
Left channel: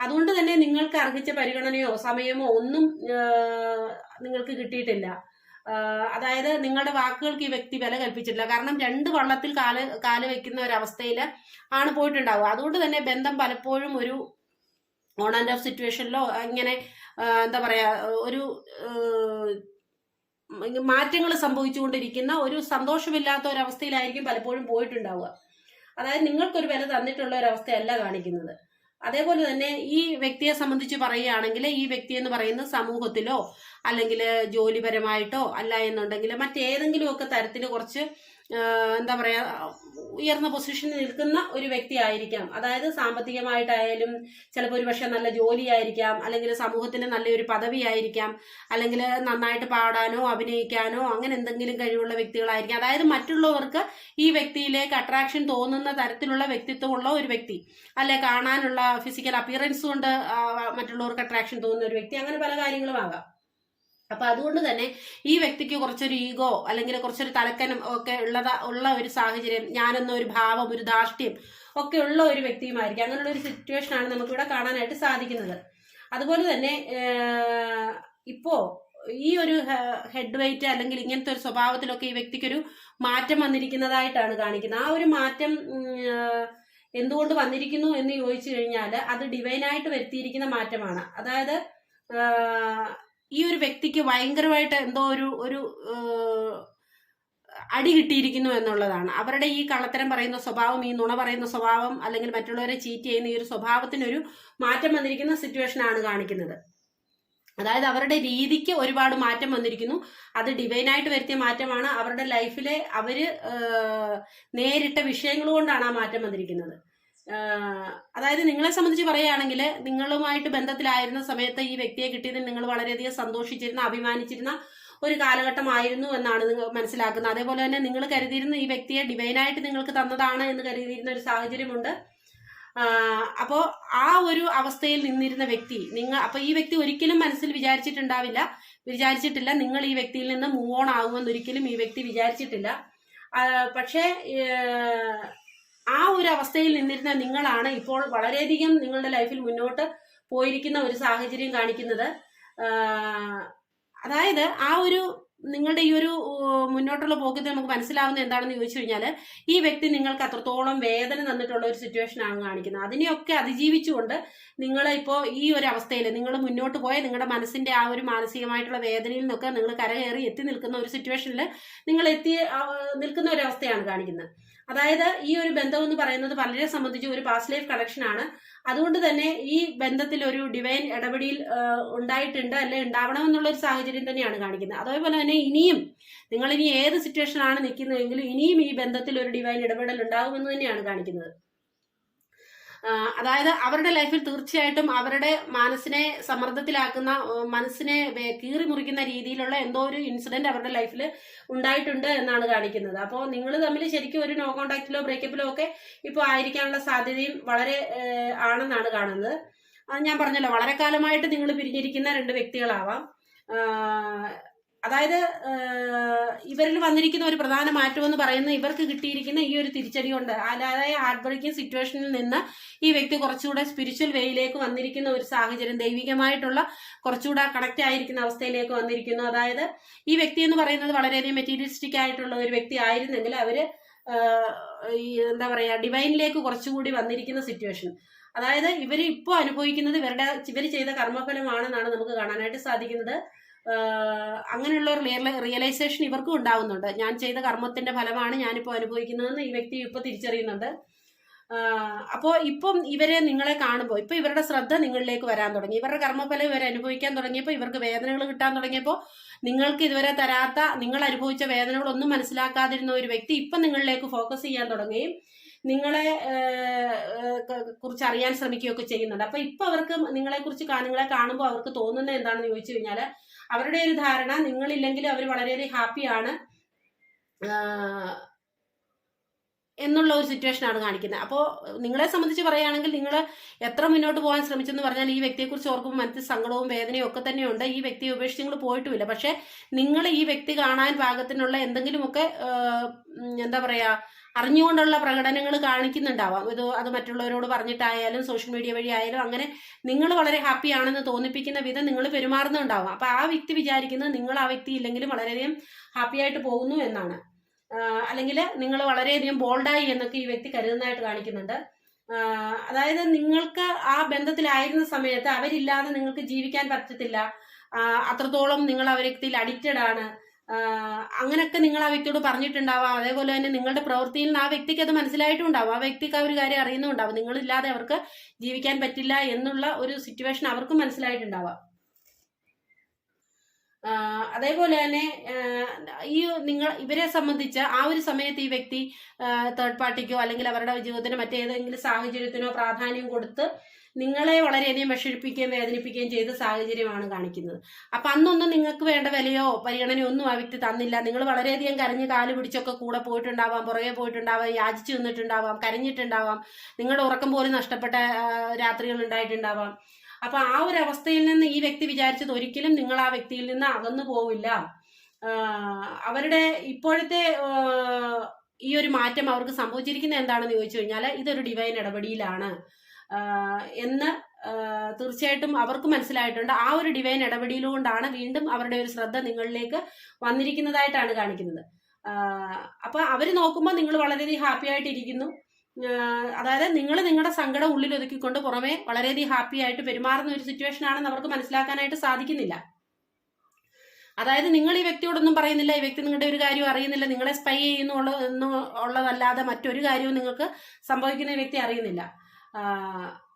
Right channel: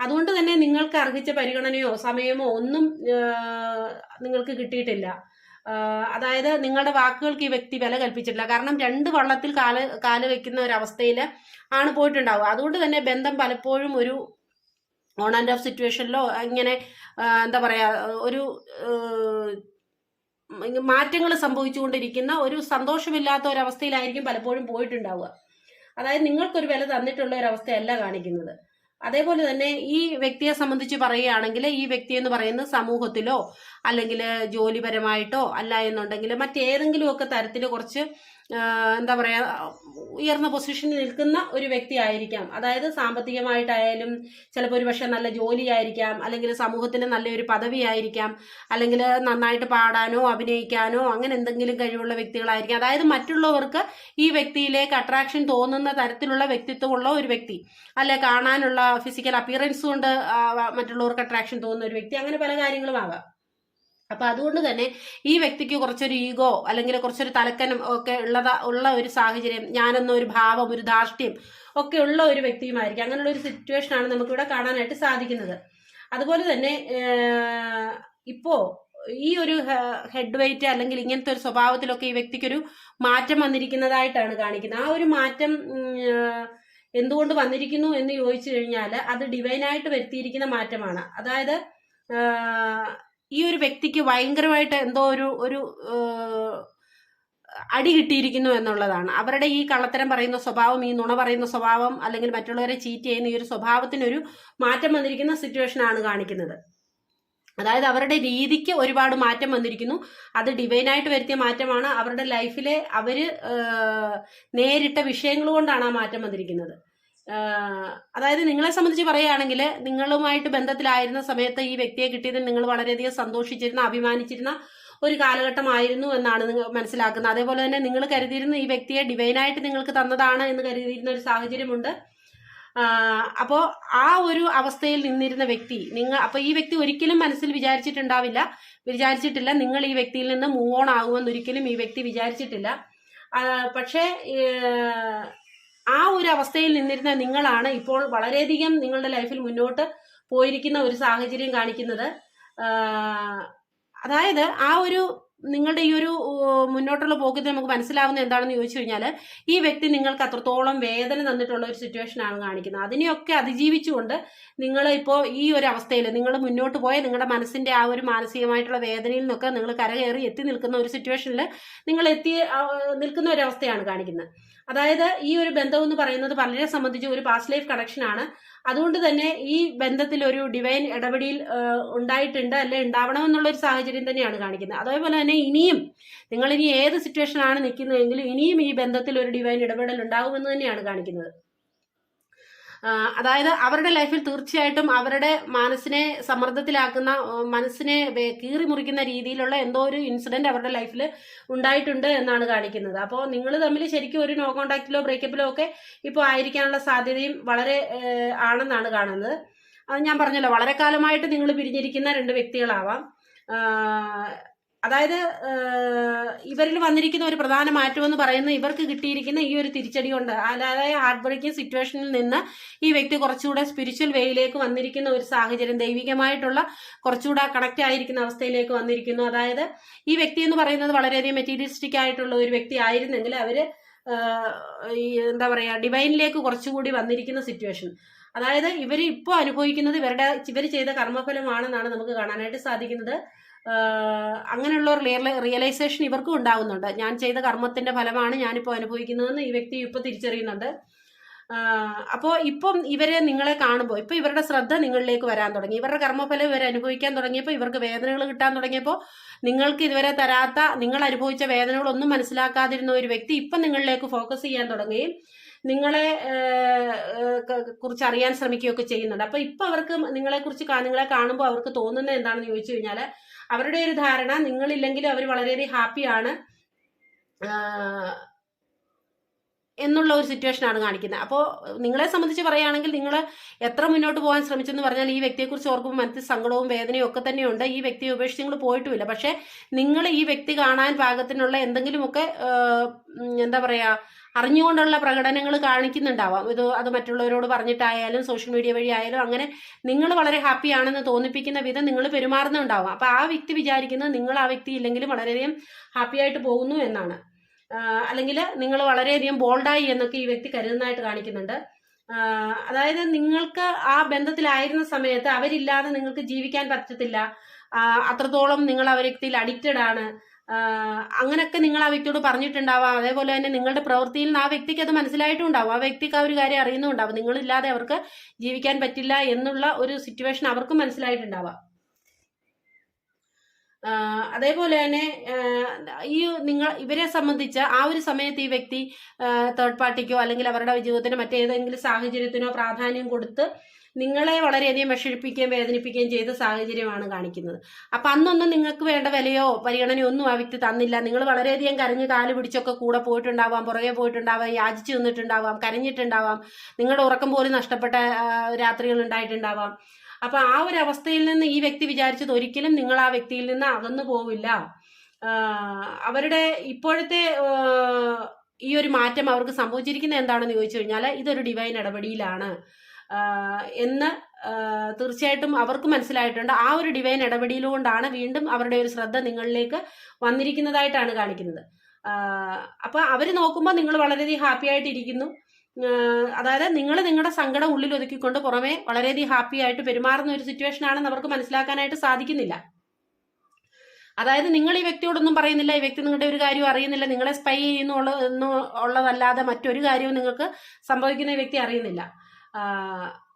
അതുകൊണ്ട് തന്നെ നിങ്ങൾക്ക് അർഹിച്ച പരിഗണനയോ സമയമോ ഒന്നും നിങ്ങൾക്ക് കിട്ടിയിട്ടില്ല. അതായത് നിങ്ങളുടെ വാക്കുകൾക്ക് ഈ വ്യക്തി വില കൽപ്പിച്ചിട്ടില്ല. കാരണം രണ്ട് വള്ളത്തിൽ കാൽ കാൽ വെക്കുന്ന ഒരവസ്ഥയിൽ ആണ് പോയിട്ടുണ്ടാവുക. അതുകൊണ്ട് തന്നെ ബന്ധം പലപ്പോഴും ഒരു ഓൺ ആൻഡ് ഓഫ് സിറ്റുവേഷനിലോ ഇങ്ങനെ എന്താ പറയുക ഒരു മാറ്റങ്ങൾ സംഭവിച്ചുകൊണ്ടിരിക്കുന്ന ഒരു സന്തോഷമില്ലാത്ത ഒരവസ്ഥയിലായിരിക്കും പലപ്പോഴും പോയിട്ടുണ്ടാവുക. അതായത് നിങ്ങൾക്കൊരു വില തന്നിട്ടുള്ള ഒരു അവസ്ഥയല്ല കാണിക്കുന്നത്. അതേപോലെ തന്നെ ഈ വ്യക്തിയെ സംബന്ധിച്ച് പറയുകയാണെങ്കിൽ ഈ വ്യക്തി എന്ന് പറയുന്നത് സമൂഹത്തിലോ അല്ലെങ്കിൽ ജോലിപരമായിട്ടോ അല്ല എന്നുണ്ടെങ്കിൽ മറ്റേതെങ്കിലും ഒക്കെ തരത്തിൽ കുറച്ച് എന്താ പറയുക ഉയർന്ന പൊസിഷനിൽ നിൽക്കുന്ന ഒരു വ്യക്തി ആയിരിക്കാം. അതായത് സാമ്പത്തികമായിട്ടായാലും ചിലപ്പോൾ ഒരു പക്ഷേ നല്ല ജോലിയായിരിക്കാം അല്ലെങ്കിൽ സമൂഹത്തിൽ നല്ലൊരു പദവിയായിരിക്കാം അല്ലെങ്കിൽ നന്നായിട്ട് പാടാനോ അഭിനയിക്കാനോ അങ്ങനെ എന്തെങ്കിലും കഴിവുള്ള വ്യക്തികളായിരിക്കാം. അതായത് മറ്റുള്ളവർക്ക് ഈ വ്യക്തിയിലേക്ക് അട്രാക്ഷൻ തോന്നുന്ന തരത്തിലുള്ള വ്യക്തിത്വമുള്ള ഒരു വ്യക്തി അല്ലെ കാണാനുള്ള ഫിസിക്കൽ അപ്പിയറൻസ് കൊണ്ട് മറ്റുള്ളവർക്ക് അട്രാക്ഷൻ തോന്നുന്ന ഒരു വ്യക്തി അങ്ങനെ പല കാര്യങ്ങളും ആകാം. അപ്പൊ അതുകൊണ്ട് തന്നെ ഈ വ്യക്തിക്ക് കുറച്ചൊരു ഈഗോ അല്ലെങ്കിൽ കുറച്ചൊരു തലക്കനം ഒക്കെ ഉള്ളതാ ഉള്ള ഒരു സാഹചര്യം ഞാനെന്ന ഒരു ഭാവം ഒരു ധാർഷ്ട്യം ഒക്കെ ഉള്ള ഒരു വ്യക്തിയുമായിരിക്കും. അങ്ങനെയുള്ള ഒരു സിറ്റുവേഷൻ ആണ് നമുക്കിവിടെ കാണാനായിട്ട് സാധിക്കുന്നത്. അതുപോലെ തന്നെ ഇപ്പോ ഈ ഒരു ഹെഡ് വെയിറ്റ് അല്ലെങ്കിൽ ഇങ്ങനത്തെ ഒരു സ്വഭാവത്തിലൊക്കെ ഈ വ്യക്തിക്കൊരു മാറ്റം വന്നിരിക്കുന്നതായിട്ടാണ് കാണിക്കുന്നത്. ആ ഒരു മാറ്റം എന്തുകൊണ്ട് വന്നിരിക്കുന്നു എന്ന് ചോദിച്ചു കഴിഞ്ഞാൽ അത് ഡിവൈനായിട്ട് വരുത്തിയിരിക്കുന്ന മാറ്റമാണ്. അതായത് ഈ ഒരു വ്യക്തിക്ക് ഭയങ്കരമായിട്ട് എന്തോ ഒരു ഒരു അടി കിട്ടിയിരിക്കുന്നു എന്നുള്ളതാണ്. അവരുടെ ഈ കള്ളത്തരം പറയുന്ന സ്വഭാവം ഈ നുണ പറയുന്ന സ്വഭാവം അല്ലെങ്കിൽ മറ്റുള്ളവരെ ചീറ്റ് ചെയ്യുന്ന ഈ ഒരു സ്വഭാവത്തിനൊരു മാറ്റം വന്നിരിക്കുന്ന സിറ്റുവേഷൻ ആണ് കാണിക്കുന്നത്. അതായത് അവരുടെ രീതിക്ക് ഒരുപാട് മാറ്റം വന്നിരിക്കുന്നു. അത് ഡിവൈനായിട്ട് വരുത്തിയ മാറ്റമാണ്. അവരുടെ ലൈഫിലെ അവർ നേരിട്ട വിഷയങ്ങൾ കൊണ്ടാണ് ആ മാറ്റം വന്നിരിക്കുന്നത്. അതായത് നിങ്ങളെ സംബന്ധിച്ച് പറയുകയാണെങ്കിൽ നിങ്ങളുമായിട്ട് ബന്ധത്തിലായിരുന്ന സമയത്ത് ഈ വ്യക്തിയെ കിട്ടിയതിൽ നിങ്ങൾ വളരെയധികം സന്തോഷിച്ചിരുന്ന അഭിമാനിച്ചിരുന്ന ഒരു കാലഘട്ടമായിരുന്നു എന്നാണ് നിങ്ങൾ മനസ്സിലാക്കുന്നത്. അതേപോലെ തന്നെ നിങ്ങൾ കരുതിയിരുന്ന ഈ വ്യക്തിയെ ഡിവൈനായിട്ട് നിങ്ങൾക്ക് തന്നതാണ് എന്ന് കരുതിയിരുന്ന ഒരു സാഹചര്യമുണ്ട്. അപ്പോൾ ആ ഒരു അവസ്ഥയിൽ നിന്നിരുന്ന വ്യക്തി നിങ്ങൾ അപ്പോൾ ഈ വ്യക്തി ഒരിക്കലും മനസ്സിൽ വിചാരിച്ചിട്ടുണ്ടാവില്ല. വിചാരിച്ചിട്ടില്ല നിങ്ങൾ ഈ വ്യക്തിയിൽ നിന്ന് മൂവ് ഓൺ ആകുമെന്ന് ഒരിക്കലും ഈ വ്യക്തി വിചാരിച്ചിട്ടില്ല. പക്ഷേ ആ ഒരു അവസ്ഥയിൽ നിന്നിരുന്ന നിങ്ങളാണ് ഇപ്പോൾ വളരെയധികം നിങ്ങളുടെ ലൈഫിൽ മുന്നോട്ട് പോയിരിക്കുന്ന ഒരു സാഹചര്യം കാണിക്കുന്നത്. അതായത് ആ ഒരു നിങ്ങളുടെ ഈ ഒരു മുന്നോട്ടുള്ള പോക്കിൽ നമുക്ക് മനസ്സിലാവുന്ന എന്താണെന്ന് ചോദിച്ചു കഴിഞ്ഞാൽ ഈ വ്യക്തി നിങ്ങൾക്ക് അത്രത്തോളം വേദന തന്നിട്ടുള്ള ഒരു സിറ്റുവേഷൻ ആണ് കാണിക്കുന്നത്. അതിനെയൊക്കെ അതിജീവിച്ചുകൊണ്ട് നിങ്ങൾ ഇപ്പോൾ ഈ ഒരു അവസ്ഥയിൽ നിങ്ങൾ മുന്നോട്ട് പോയ നിങ്ങളുടെ മനസ്സിന്റെ ആ ഒരു മാനസികമായിട്ടുള്ള വേദനയിൽ നിന്നൊക്കെ നിങ്ങൾ കരകയറി എത്തി നിൽക്കുന്ന ഒരു സിറ്റുവേഷനിൽ നിങ്ങൾ എത്തി നിൽക്കുന്ന ഒരു അവസ്ഥയാണ് കാണിക്കുന്നത്. അതായത് ഈ ഒരു ബന്ധം എന്ന് പറയുന്നത് പലരെ സംബന്ധിച്ച് ഒരു പാസ്റ്റ് ലൈഫ് കണക്ഷൻ ആണ്. അതുകൊണ്ട് തന്നെ ഈ ബന്ധത്തിൽ ഒരു ഡിവൈൻ ഇടപെടിയിൽ ഉണ്ടായിട്ടുണ്ട് അല്ലെ ഉണ്ടാവണമെന്നുള്ള ഒരു സാഹചര്യം തന്നെയാണ് കാണിക്കുന്നത്. അതേപോലെ തന്നെ ഇനിയും നിങ്ങൾ ഇനി ഏത് സിറ്റുവേഷനാണ് നിൽക്കുന്നതെങ്കിലും ഇനിയും ഈ ബന്ധത്തിൽ ഒരു ഡിവൈൻ ഇടപെടൽ ഉണ്ടാകുമെന്ന് തന്നെയാണ് കാണിക്കുന്നത്. അതായത് അവരുടെ ലൈഫിൽ തീർച്ചയായിട്ടും അവരുടെ മനസ്സിനെ സമ്മർദ്ദത്തിലാക്കുന്ന മനസ്സിനെ കീറി മുറിക്കുന്ന രീതിയിലുള്ള എന്തോ ഒരു ഇൻസിഡന്റ് അവരുടെ ലൈഫിൽ ഉണ്ടായിട്ടുണ്ട് എന്നാണ് കാണിക്കുന്നത്. അപ്പോൾ നിങ്ങൾ തമ്മിൽ ശരിക്കും ഒരു നോ കോണ്ടാക്റ്റിലോ ബ്രേക്കപ്പിലോ ഒക്കെ ഇപ്പോൾ ആയിരിക്കാനുള്ള സാധ്യതയും വളരെ ആണെന്നാണ് കാണുന്നത്. അത് ഞാൻ പറഞ്ഞല്ലോ വളരെ കാലമായിട്ട് നിങ്ങൾ പിരിഞ്ഞിരിക്കുന്ന രണ്ട് വ്യക്തികളാവാം. അതായത് ഇവരിൽ വന്നിരിക്കുന്ന ഒരു പ്രധാന മാറ്റം എന്ന് പറയുന്നത് ഇവർക്ക് കിട്ടിയിരിക്കുന്ന ഈ ഒരു തിരിച്ചടി കൊണ്ട് അല്ലാതെ ഹാർട്ട് ബ്രേക്കിംഗ് സിറ്റുവേഷനിൽ നിന്ന് ഈ വ്യക്തി കുറച്ചുകൂടെ സ്പിരിച്വൽ വേയിലേക്ക് വന്നിരിക്കുന്ന ഒരു സാഹചര്യം ദൈവികമായിട്ടുള്ള കുറച്ചുകൂടെ കണക്റ്റ് ആയിരിക്കുന്ന അവസ്ഥയിലേക്ക് വന്നിരിക്കുന്നു. അതായത് ഈ വ്യക്തി എന്ന് പറയുന്നത് വളരെയധികം മെറ്റീരിയലിസ്റ്റിക് ആയിട്ടുള്ള ഒരു വ്യക്തി ആയിരുന്നെങ്കിൽ അവർ ഈ എന്താ പറയുക ഡിവൈനിലേക്ക് കുറച്ചുകൂടി വന്നിരിക്കുന്ന സിറ്റുവേഷൻ അതായത് ഇവർ ഇപ്പോൾ അനുഭവിക്കുന്നത് ഇവരുടെ ഇവർ ചെയ്ത കർമ്മഫലമാണെന്നാണ് നമുക്ക് കാണാനായിട്ട് സാധിക്കുന്നത്. അങ്ങനെയുള്ള റിയലൈസേഷൻ ഇവർക്കും ഉണ്ടാകുന്നുണ്ട് ഞാൻ ചെയ്ത കർമ്മത്തിന്റെ ഫലമാണ് ഞാനിപ്പോൾ അനുഭവിക്കുന്നതെന്ന് ഈ വ്യക്തി ഇപ്പോൾ തിരിച്ചറിയുന്നുണ്ട്. അപ്പോൾ ഇപ്പം ഇവരെ നിങ്ങളെ കാണുമ്പോൾ ഇപ്പോൾ ഇവരുടെ ശ്രദ്ധ നിങ്ങളിലേക്ക് വരാൻ തുടങ്ങി. ഇവരുടെ കർമ്മഫലം ഇവർ അനുഭവിക്കാൻ തുടങ്ങിയപ്പോൾ ഇവർക്ക് വേദനകൾ കിട്ടാൻ തുടങ്ങിയപ്പോൾ നിങ്ങൾക്ക് ഇതുവരെ തരാത്ത നിങ്ങൾ അനുഭവിച്ച വേദനകളൊന്നും മനസ്സിലാക്കാതിരുന്ന ഒരു വ്യക്തി ഇപ്പം നിങ്ങളിലേക്ക് ഫോക്കസ് ചെയ്യാൻ തുടങ്ങുകയും നിങ്ങളെ കുറിച്ച് അറിയാൻ ശ്രമിക്കുകയൊക്കെ ചെയ്യുന്നുണ്ട്. അപ്പോൾ ഇപ്പോൾ അവർക്ക് നിങ്ങളെക്കുറിച്ച് നിങ്ങളെ കാണുമ്പോൾ അവർക്ക് തോന്നുന്നത് എന്താണെന്ന് ചോദിച്ചു കഴിഞ്ഞാൽ അവരുടെ ഒരു ധാരണ നിങ്ങളില്ലെങ്കിൽ അവർ വളരെയധികം ഹാപ്പിയാണ് എന്നുള്ള ഒരു സിറ്റുവേഷൻ ആണ് കാണിക്കുന്നത്. അപ്പോൾ നിങ്ങളെ സംബന്ധിച്ച് പറയുകയാണെങ്കിൽ നിങ്ങൾ എത്ര മുന്നോട്ട് പോകാൻ ശ്രമിച്ചെന്ന് പറഞ്ഞാൽ ഈ വ്യക്തിയെക്കുറിച്ച് ഓർക്കുമ്പോൾ മനസ്സിൽ സങ്കടവും വേദനയും ഒക്കെ തന്നെയുണ്ട്. ഈ വ്യക്തിയെ ഉപേക്ഷിച്ച് നിങ്ങൾ പോയിട്ടുമില്ല. പക്ഷെ നിങ്ങൾ ഈ വ്യക്തി കാണാൻ പാകത്തിനുള്ള എന്തെങ്കിലുമൊക്കെ എന്താ പറയാ അറിഞ്ഞുകൊണ്ടുള്ള പ്രകടനങ്ങൾ കാണിക്കുന്നുണ്ടാവാം. ഇത് അത് മറ്റുള്ളവരോട് പറഞ്ഞിട്ടായാലും സോഷ്യൽ മീഡിയ വഴി ആയാലും അങ്ങനെ നിങ്ങൾ വളരെ ഹാപ്പി ആണെന്ന് തോന്നിപ്പിക്കുന്ന വിധം നിങ്ങൾ പെരുമാറുന്നുണ്ടാവാം. അപ്പൊ ആ വ്യക്തി വിചാരിക്കുന്നത് നിങ്ങൾ ആ വ്യക്തി ഇല്ലെങ്കിലും വളരെയധികം ഹാപ്പി ആയിട്ട് പോകുന്നു എന്നാണ്. അല്ലെങ്കിൽ നിങ്ങൾ വളരെയധികം ബോൾഡായി എന്നൊക്കെ ഈ വ്യക്തി കരുതുന്നതായിട്ട് കാണിക്കുന്നുണ്ട്. അതായത് നിങ്ങൾക്ക് ആ ബന്ധത്തിലായിരുന്ന സമയത്ത് അവരില്ലാതെ നിങ്ങൾക്ക് ജീവിക്കാൻ പറ്റത്തില്ല. അത്രത്തോളം നിങ്ങൾ ആ വ്യക്തിയിൽ അഡിക്റ്റഡ് ആണ്. അങ്ങനെയൊക്കെ നിങ്ങൾ ആ വ്യക്തിയോട് പറഞ്ഞിട്ടുണ്ടാവാം. അതേപോലെ തന്നെ നിങ്ങളുടെ പ്രവൃത്തിയിൽ നിന്ന് ആ വ്യക്തിക്ക് അത് മനസ്സിലായിട്ടുണ്ടാവും. ആ വ്യക്തിക്ക് ആ ഒരു കാര്യം അറിയുന്നുണ്ടാവും. നിങ്ങളില്ലാതെ അവർക്ക് ജീവിക്കാൻ പറ്റില്ല എന്നുള്ള ഒരു സിറ്റുവേഷൻ അവർക്കും മനസ്സിലായിട്ടുണ്ടാവാം. അതേപോലെ തന്നെ ഈ നിങ്ങൾ ഇവരെ സംബന്ധിച്ച് ആ ഒരു സമയത്ത് ഈ വ്യക്തി തേർഡ് പാർട്ടിക്കോ അല്ലെങ്കിൽ അവരുടെ ജീവിതത്തിനോ മറ്റേതെങ്കിലും സാഹചര്യത്തിനോ പ്രാധാന്യം കൊടുത്ത് നിങ്ങളെ വളരെയധികം വിഷമിപ്പിക്കുകയും വേദനിപ്പിക്കുകയും ചെയ്ത സാഹചര്യമാണ് കാണിക്കുന്നത്. അപ്പം അന്നൊന്നും നിങ്ങൾക്ക് വേണ്ട വിലയോ പരിഗണനയോ ഒന്നും ആ വ്യക്തി തന്നില്ല. നിങ്ങൾ വളരെയധികം കരഞ്ഞ് കാൽ പിടിച്ചൊക്കെ കൂടെ പോയിട്ടുണ്ടാവാം പുറകെ പോയിട്ടുണ്ടാവാം യാചിച്ചു നിന്നിട്ടുണ്ടാവാം കരഞ്ഞിട്ടുണ്ടാവാം. നിങ്ങളുടെ ഉറക്കം പോലും നഷ്ടപ്പെട്ട രാത്രികൾ ഉണ്ടായിട്ടുണ്ടാവാം. അപ്പം ആ ഒരു അവസ്ഥയിൽ നിന്ന് ഈ വ്യക്തി വിചാരിച്ചത് ഒരിക്കലും നിങ്ങൾ ആ വ്യക്തിയിൽ നിന്ന് അകന്നു പോവില്ല. അവരുടെ ഇപ്പോഴത്തെ ഈ ഒരു മാറ്റം അവർക്ക് സംഭവിച്ചിരിക്കുന്നത് എന്താണെന്ന് ചോദിച്ചു കഴിഞ്ഞാൽ ഇതൊരു ഡിവൈൻ ഇടപെടിയിലാണ് എന്ന് തീർച്ചയായിട്ടും അവർക്ക് മനസ്സിലായിട്ടുണ്ട്. ആ ഒരു ഡിവൈൻ ഇടപെടിയിലുകൊണ്ടാണ് വീണ്ടും അവരുടെ ഒരു ശ്രദ്ധ നിങ്ങളിലേക്ക് വന്നിരിക്കുന്നതായിട്ടാണ് കാണിക്കുന്നത്. അപ്പൊ അവർ നോക്കുമ്പോൾ നിങ്ങൾ വളരെയധികം ഹാപ്പി ആയിട്ടിരിക്കുന്നു. അതായത് നിങ്ങൾ നിങ്ങളുടെ സങ്കടം ഉള്ളിൽ ഒതുക്കിക്കൊണ്ട് പുറമെ വളരെയധികം ഹാപ്പി ആയിട്ട് പെരുമാറുന്ന ഒരു സിറ്റുവേഷൻ ആണെന്ന് അവർക്ക് മനസ്സിലാക്കാനായിട്ട് സാധിക്കുന്നില്ല. അതായത് നിങ്ങൾ ഈ വ്യക്തിയോടൊന്നും പറയുന്നില്ല ഈ വ്യക്തി നിങ്ങളുടെ ഒരു കാര്യവും അറിയുന്നില്ല നിങ്ങളെ സ്പൈ ചെയ്യുന്നു ഉള്ള- ഉള്ളതല്ലാതെ മറ്റൊരു കാര്യവും നിങ്ങൾക്ക് സംഭവിക്കുന്ന വ്യക്തി അറിയുന്നില്ല.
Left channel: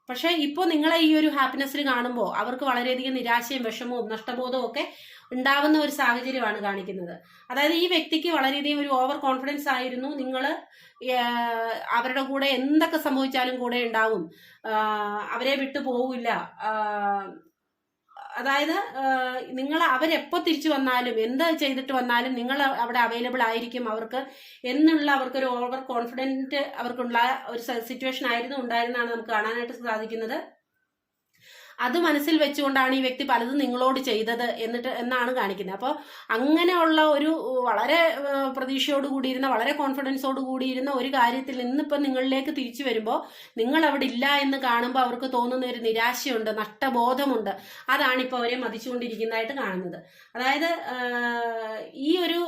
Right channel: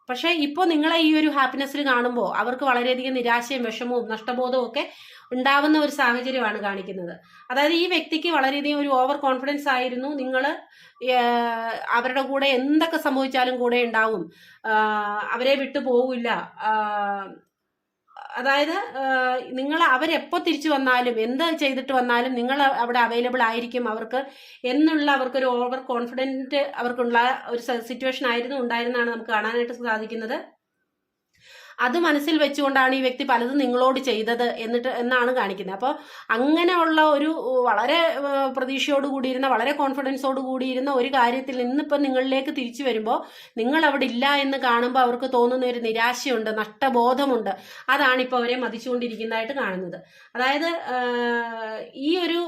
പക്ഷേ ഇപ്പോൾ നിങ്ങളെ ഈ ഒരു ഹാപ്പിനെസ്സിൽ കാണുമ്പോൾ അവർക്ക് വളരെയധികം നിരാശയും വിഷമവും നഷ്ടബോധവും ഒക്കെ ഉണ്ടാവുന്ന ഒരു സാഹചര്യമാണ് കാണിക്കുന്നത്. അതായത് ഈ വ്യക്തിക്ക് വളരെയധികം ഒരു ഓവർ കോൺഫിഡൻസ് ആയിരുന്നു. നിങ്ങൾ അവരുടെ കൂടെ എന്തൊക്കെ സംഭവിച്ചാലും കൂടെ ഉണ്ടാവും. അവരെ വിട്ടു പോവില്ല. അതായത് നിങ്ങൾ അവരെപ്പോൾ തിരിച്ചു വന്നാലും എന്ത് ചെയ്തിട്ട് വന്നാലും നിങ്ങൾ അവിടെ അവൈലബിൾ ആയിരിക്കും അവർക്ക് എന്നുള്ള അവർക്കൊരു ഓവർ കോൺഫിഡന്റ് അവർക്കുള്ള ഒരു സിറ്റുവേഷൻ ആയിരുന്നു ഉണ്ടായിരുന്നാണ് നമുക്ക് കാണാനായിട്ട് സാധിക്കുന്നത്. അത് മനസ്സിൽ വെച്ചുകൊണ്ടാണ് ഈ വ്യക്തി പലതും നിങ്ങളോട് ചെയ്തത് എന്നിട്ട് എന്നാണ് കാണിക്കുന്നത്. അപ്പോൾ അങ്ങനെയുള്ള ഒരു വളരെ പ്രതീക്ഷയോട് കൂടിയിരുന്ന വളരെ കോൺഫിഡൻസോട് കൂടിയിരുന്ന ഒരു കാര്യത്തിൽ ഇന്നിപ്പം നിങ്ങളിലേക്ക് തിരിച്ചു വരുമ്പോൾ നിങ്ങൾ അവിടെ ഇല്ല എന്ന് കാണുമ്പോൾ അവർക്ക് തോന്നുന്ന ഒരു നിരാശയുണ്ട് നഷ്ടബോധമുണ്ട്. അതാണ് ഇപ്പോൾ അവരെ മതിച്ചുകൊണ്ടിരിക്കുന്നതായിട്ട് കാണുന്നത്. അതായത് ഈ ഒരു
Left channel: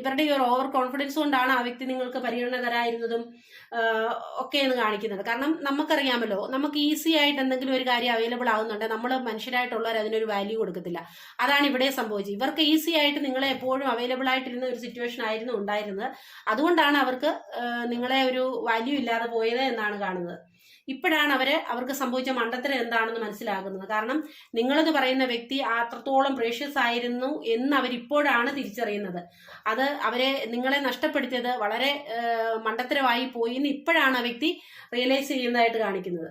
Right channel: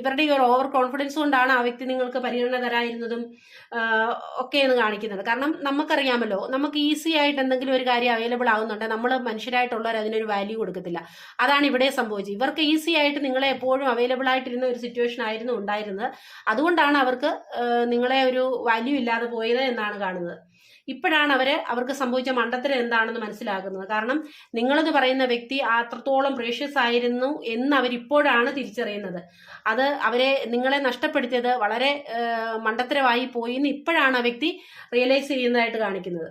ഇവരുടെ ഈ ഒരു ഓവർ കോൺഫിഡൻസ് കൊണ്ടാണ് ആ വ്യക്തി നിങ്ങൾക്ക് പരിഗണന തരായിരുന്നതും ആഹ് ഒക്കെ എന്ന് കാണിക്കുന്നത്. കാരണം നമുക്കറിയാമല്ലോ നമുക്ക് ഈസി ആയിട്ട് എന്തെങ്കിലും ഒരു കാര്യം അവൈലബിൾ ആവുന്നുണ്ട്. നമ്മൾ മനുഷ്യരായിട്ടുള്ളവർ അതിനൊരു വാല്യൂ കൊടുക്കത്തില്ല. അതാണ് ഇവിടെ സംഭവിച്ചത്. ഇവർക്ക് ഈസി ആയിട്ട് നിങ്ങളെ എപ്പോഴും അവൈലബിൾ ആയിട്ടിരുന്ന ഒരു സിറ്റുവേഷൻ ആയിരുന്നു ഉണ്ടായിരുന്നത്. അതുകൊണ്ടാണ് അവർക്ക് നിങ്ങളെ ഒരു വാല്യൂ ഇല്ലാതെ പോയത് എന്നാണ് കാണുന്നത്. ഇപ്പോഴാണ് അവർ അവർക്ക് സംഭവിച്ച മണ്ടത്തരം എന്താണെന്ന് മനസ്സിലാകുന്നത്. കാരണം നിങ്ങളെന്ന് പറയുന്ന വ്യക്തി അത്രത്തോളം പ്രേഷ്യസ് ആയിരുന്നു എന്ന് അവരിപ്പോഴാണ് തിരിച്ചറിയുന്നത്. അത് അവരെ നിങ്ങളെ നഷ്ടപ്പെടുത്തിയത് വളരെ മണ്ടത്തരമായി പോയി എന്ന് ഇപ്പോഴാണ് ആ വ്യക്തി റിയലൈസ് ചെയ്യുന്നതായിട്ട് കാണിക്കുന്നത്.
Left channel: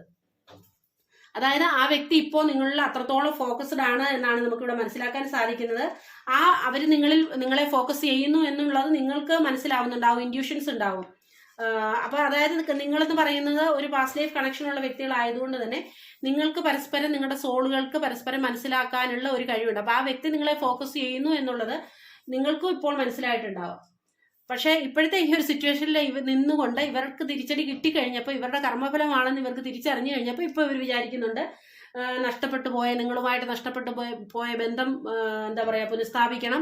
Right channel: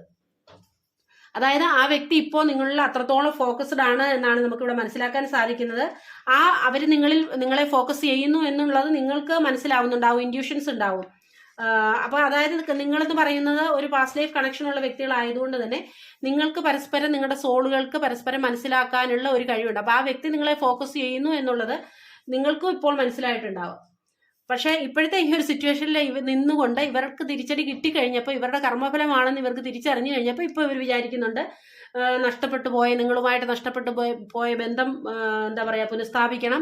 അതായത് ആ വ്യക്തി ഇപ്പോൾ നിങ്ങളിൽ അത്രത്തോളം ഫോക്കസ്ഡ് ആണ് എന്നാണ് നമുക്കിവിടെ മനസ്സിലാക്കാൻ സാധിക്കുന്നത്. ആ അവർ നിങ്ങളിൽ നിങ്ങളെ ഫോക്കസ് ചെയ്യുന്നു എന്നുള്ളത് നിങ്ങൾക്ക് മനസ്സിലാവുന്നുണ്ടാവും ഇൻഡ്യൂഷൻസ് ഉണ്ടാവും. ആഹ് അപ്പൊ അതായത് നിങ്ങളെന്ന് പറയുന്നത് ഒരു പാസ്റ്റ് ലൈഫ് കണക്ഷൻ ഉള്ള വ്യക്തികളായതുകൊണ്ട് തന്നെ നിങ്ങൾക്ക് പരസ്പരം നിങ്ങളുടെ സോളുകൾക്ക് പരസ്പരം മനസ്സിലാക്കാനുള്ള ഒരു കഴിവുണ്ട്. അപ്പൊ ആ വ്യക്തി നിങ്ങളെ ഫോക്കസ് ചെയ്യുന്നു എന്നുള്ളത് നിങ്ങൾക്കും ഇപ്പോൾ മനസ്സിലായിട്ടുണ്ടാവും. പക്ഷേ ഇപ്പോഴത്തെ ഈ ഒരു സിറ്റുവേഷനിൽ ഇവ നിന്നുകൊണ്ട് ഇവർക്ക് തിരിച്ചടി കിട്ടിക്കഴിഞ്ഞപ്പോൾ ഇവരുടെ കർമ്മഫലമാണെന്ന് ഇവർക്ക് തിരിച്ചറിഞ്ഞു കഴിഞ്ഞപ്പോൾ ഇപ്പോൾ ഇവർ വിചാരിക്കുന്നുണ്ട് നഷ്ടപ്പെട്ടു പോയ നിങ്ങളുമായിട്ട് നഷ്ടപ്പെട്ടു പോയ ബന്ധം എന്താ പറയുക പുനഃസ്ഥാപിക്കണം.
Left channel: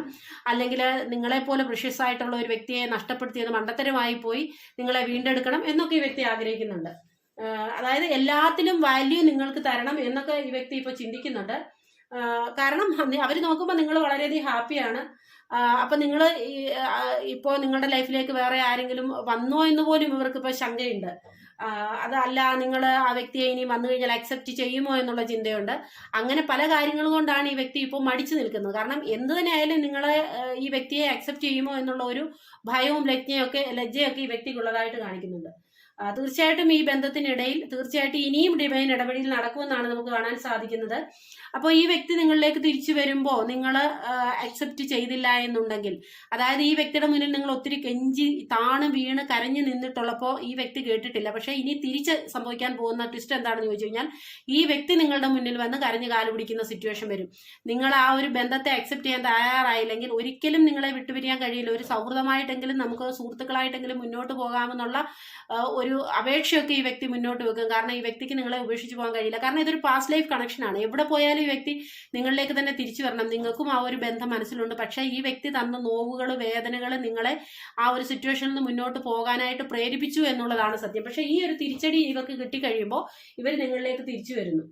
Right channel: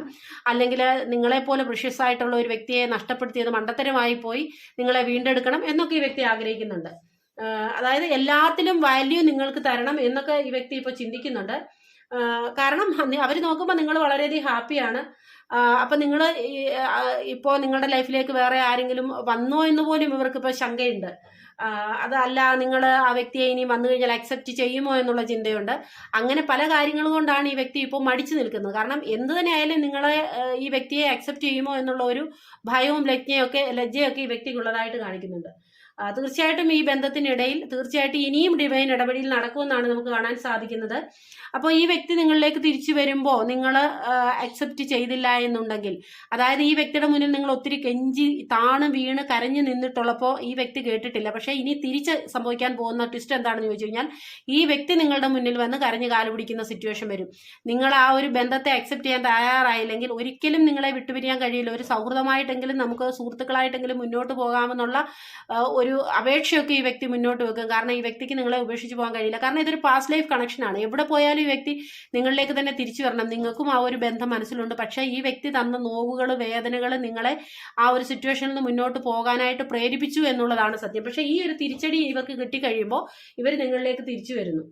അല്ലെങ്കിൽ നിങ്ങളെപ്പോലെ പ്രഷ്യസ് ആയിട്ടുള്ള ഒരു വ്യക്തിയെ നഷ്ടപ്പെടുത്തിയത് മണ്ടത്തരമായി പോയി നിങ്ങളെ വീണ്ടെടുക്കണം എന്നൊക്കെ ഈ വ്യക്തി ആഗ്രഹിക്കുന്നുണ്ട്. അതായത് എല്ലാത്തിലും വാല്യൂ നിങ്ങൾക്ക് തരണം എന്നൊക്കെ ഈ വ്യക്തി ഇപ്പോൾ ചിന്തിക്കുന്നുണ്ട്. കാരണം അവർ നോക്കുമ്പോൾ നിങ്ങൾ വളരെയധികം ഹാപ്പിയാണ്. അപ്പൊ നിങ്ങൾ ഇപ്പോൾ നിങ്ങളുടെ ലൈഫിലേക്ക് വേറെ ആരെങ്കിലും വന്നോ എന്ന് പോലും ഇവർക്ക് ഇപ്പോൾ ശങ്കയുണ്ട്. അതല്ല നിങ്ങൾ ആ വ്യക്തിയെ ഇനി വന്നു കഴിഞ്ഞാൽ അക്സെപ്റ്റ് ചെയ്യുമോ എന്നുള്ള ചിന്തയുണ്ട്. അങ്ങനെ പല കാര്യങ്ങൾ കൊണ്ടാണ് ഈ വ്യക്തി ഇപ്പോൾ മടിച്ചു നിൽക്കുന്നത്. കാരണം എന്ത് തന്നെ ആയാലും നിങ്ങളെ ഈ വ്യക്തിയെ അക്സെപ്റ്റ് ചെയ്യുമോ എന്നുള്ള ഒരു ഭയവും ലജ്ഞയൊക്കെ ലജ്ജയൊക്കെ ഈ വ്യക്തിക്കുള്ളതായിട്ട് കാണിക്കുന്നുണ്ട്. തീർച്ചയായിട്ടും ഈ ബന്ധത്തിനിടയിൽ തീർച്ചയായിട്ടും ഇനിയും ഡിവൈൻ ഇടപെടൽ നടക്കുമെന്നാണ് നമുക്ക് കാണാൻ സാധിക്കുന്നത്. അപ്പോൾ ഈ വ്യക്തി നിങ്ങളിലേക്ക് തിരിച്ചു വരുമ്പോൾ നിങ്ങൾ അക്സെപ്റ്റ് ചെയ്തില്ല എന്നുണ്ടെങ്കിൽ അതായത് ഈ വ്യക്തിയുടെ മുന്നിൽ നിങ്ങൾ ഒത്തിരി കെഞ്ചി താണ് വീണ് കരഞ്ഞു നിന്നിട്ടുള്ളപ്പോൾ ഈ വ്യക്തി കേട്ടിട്ടില്ല. പക്ഷേ ഇനി തിരിച്ച് സംഭവിക്കാൻ പോകുന്ന ട്വിസ്റ്റ് എന്താണെന്ന് ചോദിച്ചു കഴിഞ്ഞാൽ ഈ വ്യക്തി നിങ്ങളുടെ മുന്നിൽ വന്ന് കരഞ്ഞു കാലു പിടിക്കുന്ന സിറ്റുവേഷൻ വരും. നിങ്ങൾ ആ ഒരു ബന്ധത്തെ അക്സെപ്റ്റ് ചെയ്യാൻ തയ്യാറായില്ലെങ്കിൽ ഒരിക്കലും നിങ്ങളെ വിട്ടുപിരിയാൻ കഴിയില്ല. ഒരു സൗഹൃദമായിട്ടെങ്കിലും നമുക്ക് സുഹൃത്തുക്കളായിട്ടെങ്കിലും മുന്നോട്ട് പോകാമെന്നുള്ള ആ, ഒരു അപേക്ഷയൊക്കെ ഈ വ്യക്തി മുന്നോട്ട് വെക്കും. കാരണം ഈ വ്യക്തിക്ക് നിങ്ങളെ ഉപേക്ഷിച്ച് പോകാൻ കഴിയില്ല. കാരണം ഇതൊരു പാസ്റ്റ് ലൈഫ് കണക്ഷനാണ് എവിടെ പോയാലും ഈ വ്യക്തി നിങ്ങളിലേക്ക് തന്നെ തിരിച്ചു വരണം. നിങ്ങൾക്കും ആ ഒരു ബന്ധം മനസ്സിലുണ്ട്. പക്ഷേ ഈ വ്യക്തി തന്ന നോവുകൾ വേദനകൾ നിങ്ങളെ ആ ഒരു സിറ്റുവേഷനിൽ നിന്ന് മുന്നോട്ട് പോകാനായിട്ട് പ്രേരിപ്പിച്ചു എന്നുള്ളതാണ് സത്യം. പക്ഷേ ഈ ഒരു തിരിച്ചടി ഇവർക്ക് കിട്ടിക്കഴിയുമ്പോൾ ഇവർ നിങ്ങളിലേക്ക് തിരിച്ചു വരുന്നു.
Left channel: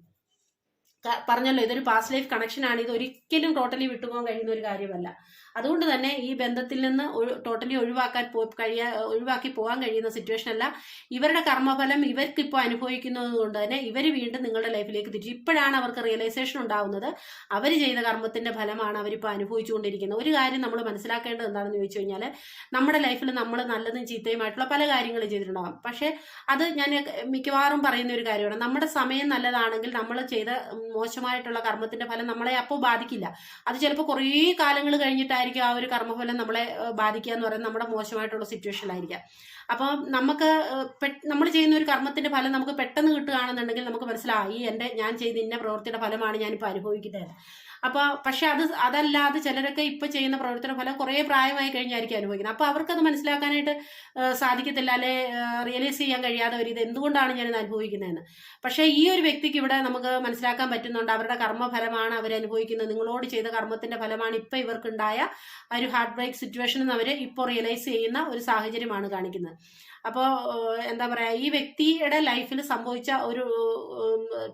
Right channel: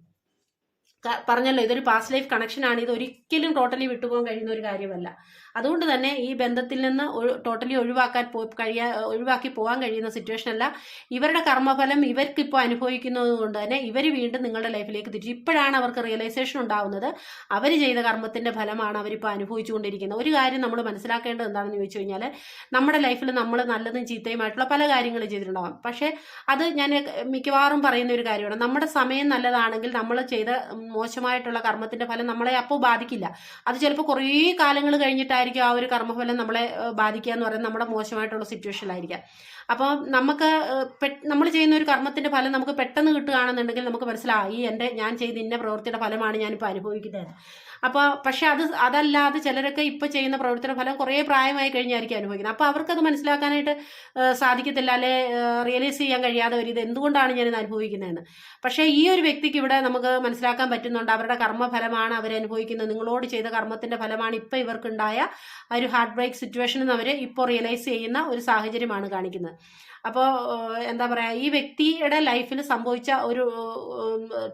പറഞ്ഞല്ലോ ഇതൊരു പാസ്റ്റ് ലൈഫ് കണക്ഷനാണ് ഇത് ഒരിക്കലും ടോട്ടലി വിട്ടുപോകാൻ കഴിയുന്ന ഒരു കാര്യമല്ല. അതുകൊണ്ട് തന്നെ ഈ ബന്ധത്തിൽ നിന്ന് ടോട്ടലി ഒഴിവാക്കാൻ കഴിയ ഒഴിവാക്കി പോകാൻ കഴിയുന്ന സിറ്റുവേഷൻ അല്ല. ഇവരുടെ കർമ്മഫലം ഇവർക്ക് ഇപ്പോൾ അനുഭവിക്കുന്നത് കൊണ്ട് തന്നെ ഇവർ വീണ്ടും നിങ്ങളുടെ ലൈഫിലേക്ക് തിരിച്ചു ഇപ്പോഴാണ് അവർക്ക് റിയലൈസേഷൻ ഉണ്ടാവുന്നത്. അവർ ചെയ്ത കർമ്മത്തിന്റെ ഫലമാണ് അവരിപ്പോൾ അനുഭവിച്ചുകൊണ്ടിരിക്കുന്നത്. ഒരു കാര്യം നമ്മൾ മനസ്സിലാക്കേണ്ടത് എന്താണെന്ന് ചോദിച്ചു കഴിഞ്ഞാൽ നമ്മുടെ ലൈഫിൽ നമ്മൾ നല്ലതും ചീത്തയുമായിട്ടുള്ള പല കാര്യങ്ങളും ചെയ്തിട്ടുണ്ടാവാം. പക്ഷേ അത് ഞാൻ മിക്കവാറും പറയുന്ന ഒരു കാര്യമാണ്. നമ്മുടെ സമയം നല്ലതാണെങ്കിൽ നമ്മൾ ചെയ്ത മോശമായിട്ടുള്ള കർമ്മത്തിന്റെ ഫലം നമ്മളെ അപ്പോൾ ബാധിക്കില്ല. അത് ചിലപ്പോൾ കുറേ കാലങ്ങൾ കഴിഞ്ഞിട്ടായിരിക്കും ആ ഒരു കർമ്മഫലം നമ്മളെ ബാധിക്കുക എന്ന് പറയുന്നത് നമ്മുടെ മോശമായിട്ടുള്ള സിറ്റുവേഷനിലായിരിക്കാം അപ്പോൾ നമുക്ക് നമ്മൾ ചെയ്യുന്ന ഒരു കർമ്മത്തിന്റെ ഫലം നമുക്ക് പെട്ടെന്ന് കിട്ടുകയാണെന്നുണ്ടെങ്കിൽ നമുക്ക് മനസ്സിലായി എന്റെ ഞാൻ ചെയ്ത ഇന്ന പ്രവൃത്തിയുടെ ഫലമാണ് ഞാനിപ്പോൾ അനുഭവിക്കുന്നത്. അപ്പോൾ പക്ഷെ അത് അതല്ലാതെ ചിലരൊക്കെ ഇപ്പോൾ ചെയ്യുന്ന പ്രവർത്തന ഫലം കുറേ പ്രായമായി കഴിഞ്ഞായിരിക്കും അനുഭവിക്കുന്നത്. അപ്പോൾ അവർക്കത് മനസ്സിലാക്കാനായിട്ട് സാധിക്കത്തില്ല അല്ലെ? റിയലൈസ് ചെയ്യാൻ കഴിയാതെ ഒരു ഇത് എന്തുകൊണ്ടാണ് ഞാനിത് അനുഭവിക്കുന്നതെന്ന്. പക്ഷേ ഈ ഒരു വ്യക്തിക്ക് ഇവിടെ നമുക്ക് മനസ്സിലാക്കാൻ പറ്റുന്നുണ്ട് അവരുടെ കർമ്മഫലമാണ് അവർ അനുഭവിക്കുന്നത്. നിങ്ങളോട് ചെയ്ത കർമ്മത്തിന്റെ ഫലമാണ് ഇപ്പോൾ ഇവർക്കുണ്ടായ ഒരു ഹാർട്ട് ബ്രേക്ക് സിറ്റുവേഷൻ അവർ ഇപ്പോൾ റിയലൈസ് ചെയ്യുന്ന ഒരു സാഹചര്യമാണ് കാണിക്കുന്നത്. അപ്പോൾ എന്താ പറയുക ഈ വ്യക്തിയുടെ ലൈഫിൽ സംഭവിച്ച ഒരു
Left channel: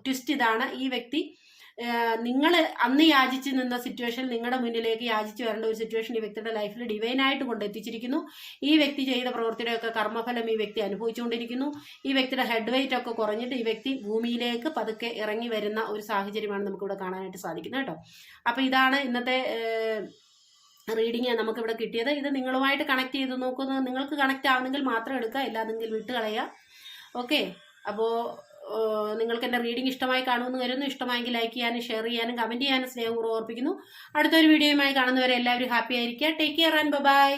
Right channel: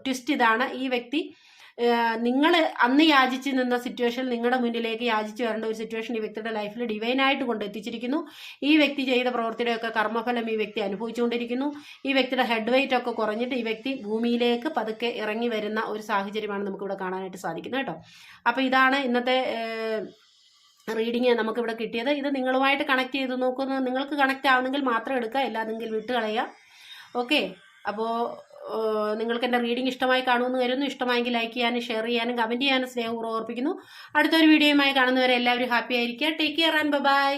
ട്വിസ്റ്റ് ഇതാണ് ഈ വ്യക്തി നിങ്ങൾ അന്ന് യാചിച്ച് നിന്ന സിറ്റുവേഷൻ നിങ്ങളുടെ മുന്നിലേക്ക് യാചിച്ച് വരേണ്ട ഒരു സിറ്റുവേഷൻ ഈ വ്യക്തിയുടെ ലൈഫിൽ ഡിവൈനായിട്ട് കൊണ്ടെത്തിച്ചിരിക്കുന്നു ഈ വ്യക്തി ചെയ്ത പ്രവൃത്തിയുടെയൊക്കെ കർമ്മഫലം ഈ വ്യക്തി അനുഭവിച്ചുകൊണ്ടിരിക്കുന്നു. ഈ വ്യക്തിയുടെ ഹെഡ് വെയിറ്റ് ഒക്കെ കുറഞ്ഞിട്ട് ഈ വ്യക്തി ഭൂമിയിലേക്ക് പതുക്കെ ഇറങ്ങി വരുന്ന ഒരു സാഹചര്യമാണ് നമുക്കിവിടെ കാണാനായിട്ട് സാധിക്കുന്നത് കേട്ടോ. അപ്പോൾ ഇതാണ് ഇന്നത്തെ റീഡിങ് നമുക്കിവിടെ കിട്ടിയത്. ഇത് നിങ്ങളുമായിട്ട് കണക്ട് ചെയ്ത് നോക്കുന്നു. നിങ്ങൾക്ക് കണക്റ്റ് ആവുന്നെങ്കിൽ മാത്രം എടുക്കുക ഇല്ലാതെങ്കിൽ വിട്ടുകളയുക. ഓക്കെ അപ്പോൾ നിങ്ങൾക്ക് എന്റെ റീഡിംഗ് ഇഷ്ടമായി കാണുമെന്ന് കരുതുന്നു. ഇഷ്ടമായെങ്കിൽ ലൈക്ക് ചെയ്യാനും ഷെയർ ചെയ്യാനും കമന്റ് ചെയ്യാനും സ്നേഹപൂർവം ഓർപ്പിക്കുന്നു. അടുത്തൊരു വീഡിയോയുമായി കാണുന്നവരെ എല്ലാവരും ഹാപ്പി ആയിരിക്കുക. Take care and by